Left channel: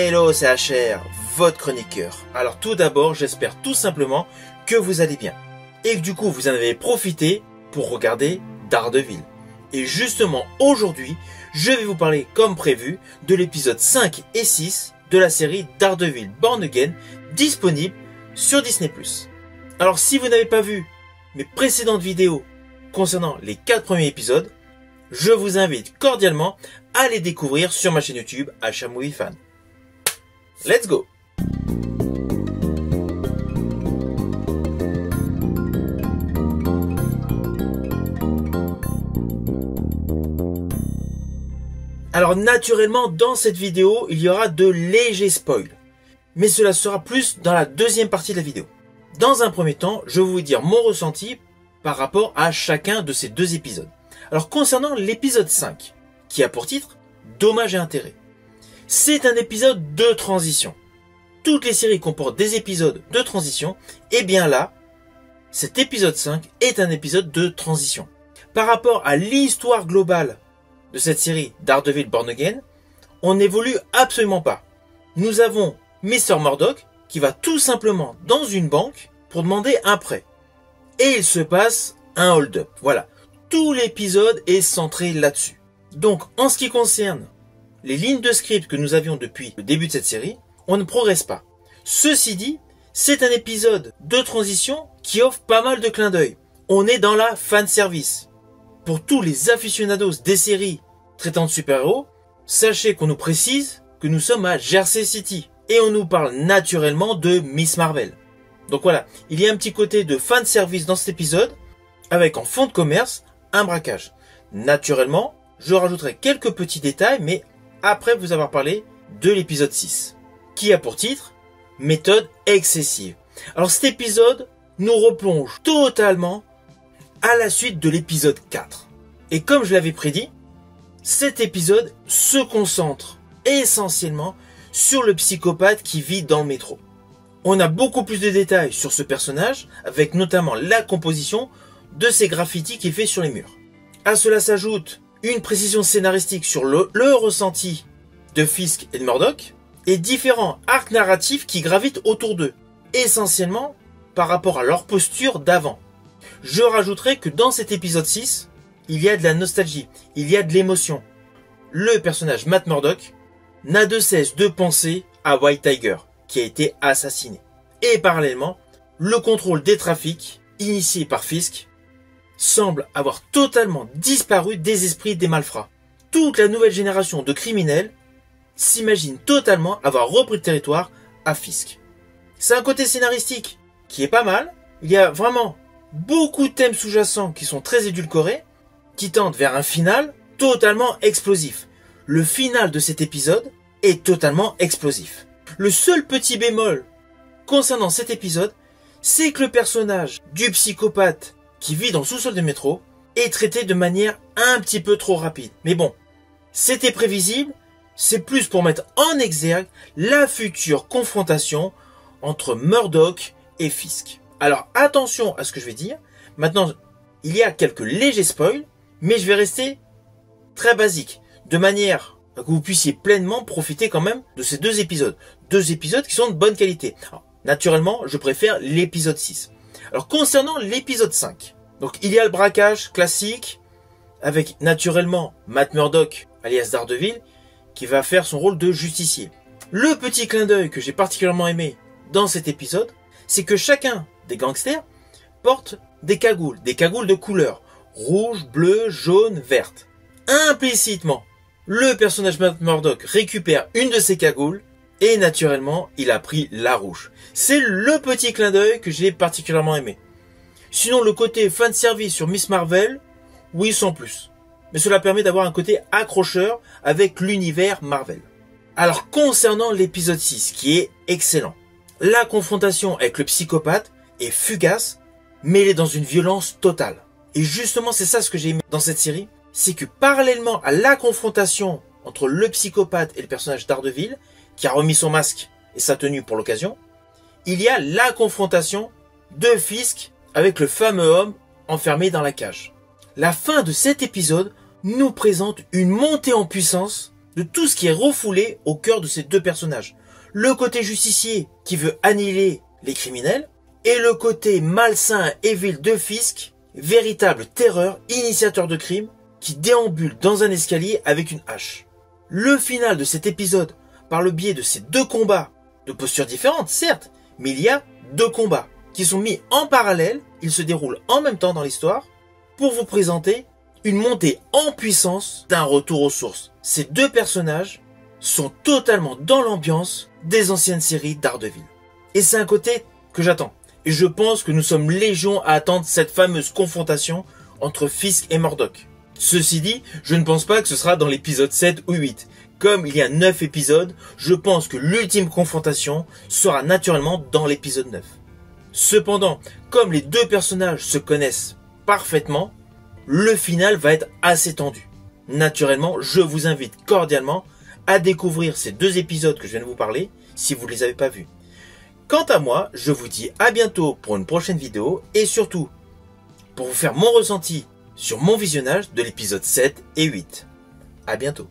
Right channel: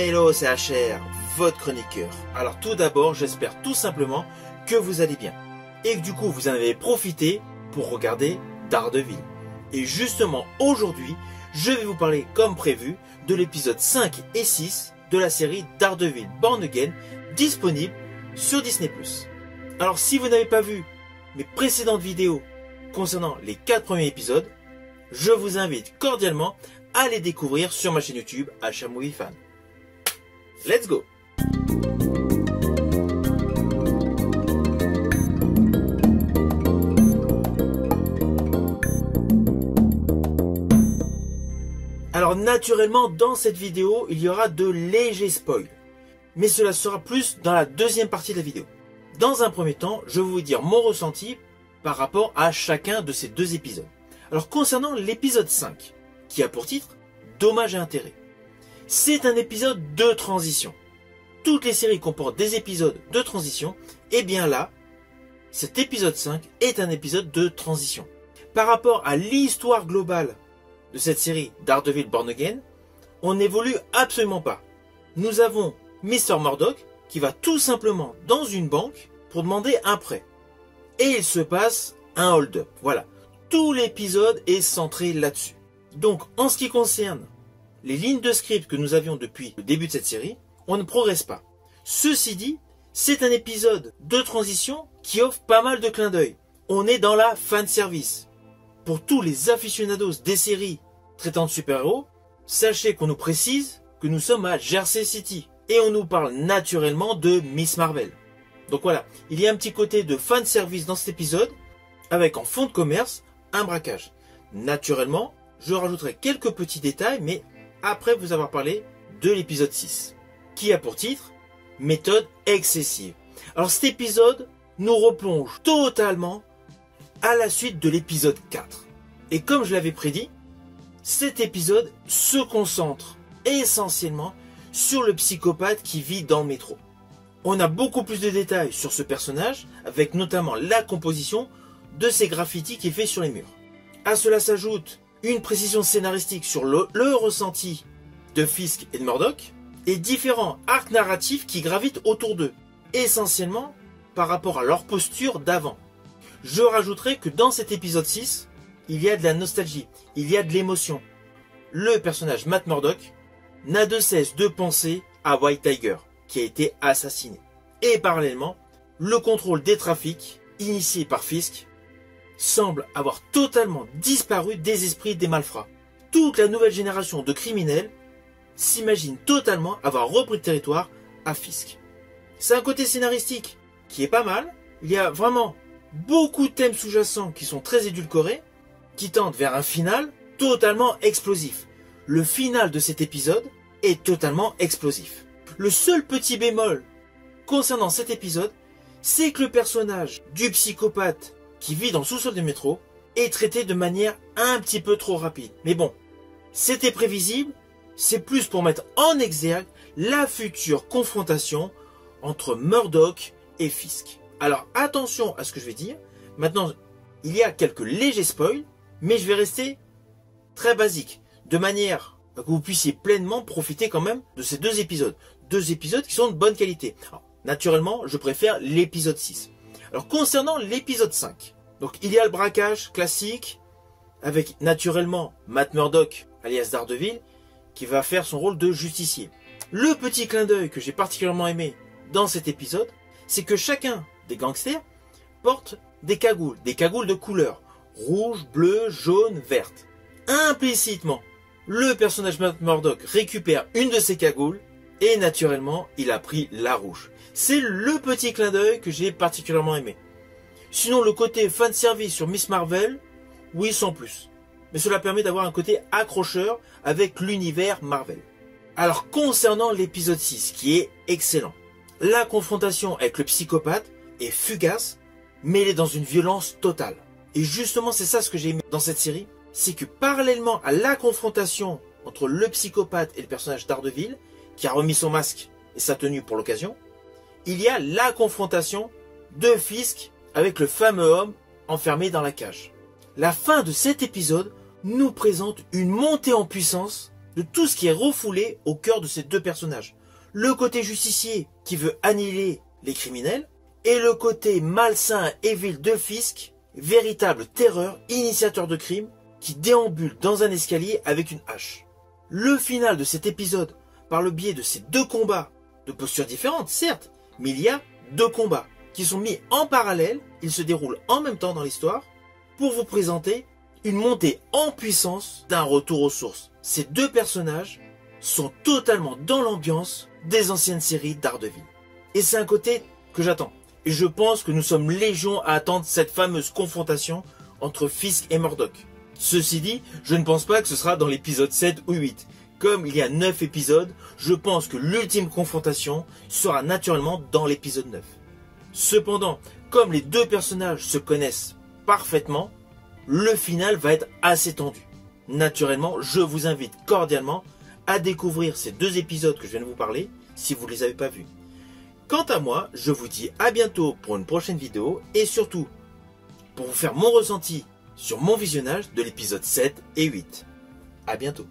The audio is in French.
Hello, c'est HR, votre chroniqueur. Alors tout d'abord, j'espère tout simplement que vous allez bien. Et que du coup, vous en avez profité pour regarder Daredevil. Et justement, aujourd'hui, je vais vous parler, comme prévu, de l'épisode 5 et 6 de la série Daredevil Born Again, disponible sur Disney+. Alors si vous n'avez pas vu mes précédentes vidéos concernant les 4 premiers épisodes, je vous invite cordialement à les découvrir sur ma chaîne YouTube HR Movie Fan. Let's go! Alors naturellement, dans cette vidéo, il y aura de légers spoils. Mais cela sera plus dans la deuxième partie de la vidéo. Dans un premier temps, je vais vous dire mon ressenti par rapport à chacun de ces deux épisodes. Alors concernant l'épisode 5, qui a pour titre « Dommages et intérêts », c'est un épisode de transition. Toutes les séries comportent des épisodes de transition, et bien là, cet épisode 5 est un épisode de transition. Par rapport à l'histoire globale de cette série Daredevil Born Again, on n'évolue absolument pas. Nous avons Mr. Murdock qui va tout simplement dans une banque pour demander un prêt. Et il se passe un hold-up. Voilà, tout l'épisode est centré là-dessus. Donc en ce qui concerne les lignes de script que nous avions depuis le début de cette série, on ne progresse pas. Ceci dit, c'est un épisode de transition qui offre pas mal de clins d'œil. On est dans la fanservice. Pour tous les aficionados des séries traitant de super-héros, sachez qu'on nous précise que nous sommes à Jersey City. Et on nous parle naturellement de Miss Marvel. Donc voilà, il y a un petit côté de fanservice dans cet épisode, avec en fond de commerce, un braquage. Naturellement, je rajouterai quelques petits détails, mais après vous avoir parlé de l'épisode 6, qui a pour titre « Méthode excessive ». Alors cet épisode nous replonge totalement à la suite de l'épisode 4. Et comme je l'avais prédit, cet épisode se concentre essentiellement sur le psychopathe qui vit dans le métro. On a beaucoup plus de détails sur ce personnage, avec notamment la composition de ces graffitis qui est fait sur les murs. À cela s'ajoute une précision scénaristique sur le ressenti de Fisk et de Murdock, et différents arcs narratifs qui gravitent autour d'eux, essentiellement par rapport à leur posture d'avant. Je rajouterai que dans cet épisode 6, il y a de la nostalgie, il y a de l'émotion. Le personnage Matt Murdock n'a de cesse de penser à White Tiger, qui a été assassiné. Et parallèlement, le contrôle des trafics, initié par Fisk, semble avoir totalement disparu des esprits des malfrats. Toute la nouvelle génération de criminels s'imagine totalement avoir repris le territoire à Fisk. C'est un côté scénaristique qui est pas mal. Il y a vraiment beaucoup de thèmes sous-jacents qui sont très édulcorés, qui tendent vers un final totalement explosif. Le final de cet épisode est totalement explosif. Le seul petit bémol concernant cet épisode, c'est que le personnage du psychopathe qui vit dans le sous-sol du métro est traité de manière un petit peu trop rapide. Mais bon, c'était prévisible, c'est plus pour mettre en exergue la future confrontation entre Murdock et Fisk. Alors attention à ce que je vais dire. Maintenant, il y a quelques légers spoils, mais je vais rester très basique, de manière que vous puissiez pleinement profiter quand même de ces deux épisodes. Deux épisodes qui sont de bonne qualité. Alors, naturellement, je préfère l'épisode 6. Alors concernant l'épisode 5, donc il y a le braquage classique avec naturellement Matt Murdock alias Daredevil qui va faire son rôle de justicier. Le petit clin d'œil que j'ai particulièrement aimé dans cet épisode, c'est que chacun des gangsters porte des cagoules de couleur rouge, bleu, jaune, verte. Implicitement, le personnage Matt Murdock récupère une de ces cagoules et naturellement, il a pris la rouge. C'est le petit clin d'œil que j'ai particulièrement aimé. Sinon, le côté fanservice sur Miss Marvel, oui, sans plus. Mais cela permet d'avoir un côté accrocheur avec l'univers Marvel. Alors, concernant l'épisode 6, qui est excellent, la confrontation avec le psychopathe est fugace, mêlée dans une violence totale. Et justement, c'est ça ce que j'ai aimé dans cette série, c'est que parallèlement à la confrontation entre le psychopathe et le personnage Daredevil, qui a remis son masque et sa tenue pour l'occasion, il y a la confrontation de Fisk avec le fameux homme enfermé dans la cage. La fin de cet épisode nous présente une montée en puissance de tout ce qui est refoulé au cœur de ces deux personnages. Le côté justicier qui veut annihiler les criminels et le côté malsain et vil de Fisk, véritable terreur, initiateur de crime, qui déambule dans un escalier avec une hache. Le final de cet épisode, par le biais de ces deux combats, de postures différentes certes, mais il y a deux combats qui sont mis en parallèle, ils se déroulent en même temps dans l'histoire, pour vous présenter une montée en puissance d'un retour aux sources. Ces deux personnages sont totalement dans l'ambiance des anciennes séries Daredevil. Et c'est un côté que j'attends. Et je pense que nous sommes légion à attendre cette fameuse confrontation entre Fisk et Murdock. Ceci dit, je ne pense pas que ce sera dans l'épisode 7 ou 8. Comme il y a 9 épisodes, je pense que l'ultime confrontation sera naturellement dans l'épisode 9. Cependant, comme les deux personnages se connaissent parfaitement, le final va être assez tendu. Naturellement, je vous invite cordialement à découvrir ces deux épisodes que je viens de vous parler, si vous ne les avez pas vus. Quant à moi, je vous dis à bientôt pour une prochaine vidéo, et surtout, pour vous faire mon ressenti sur mon visionnage de l'épisode 7 et 8. À bientôt.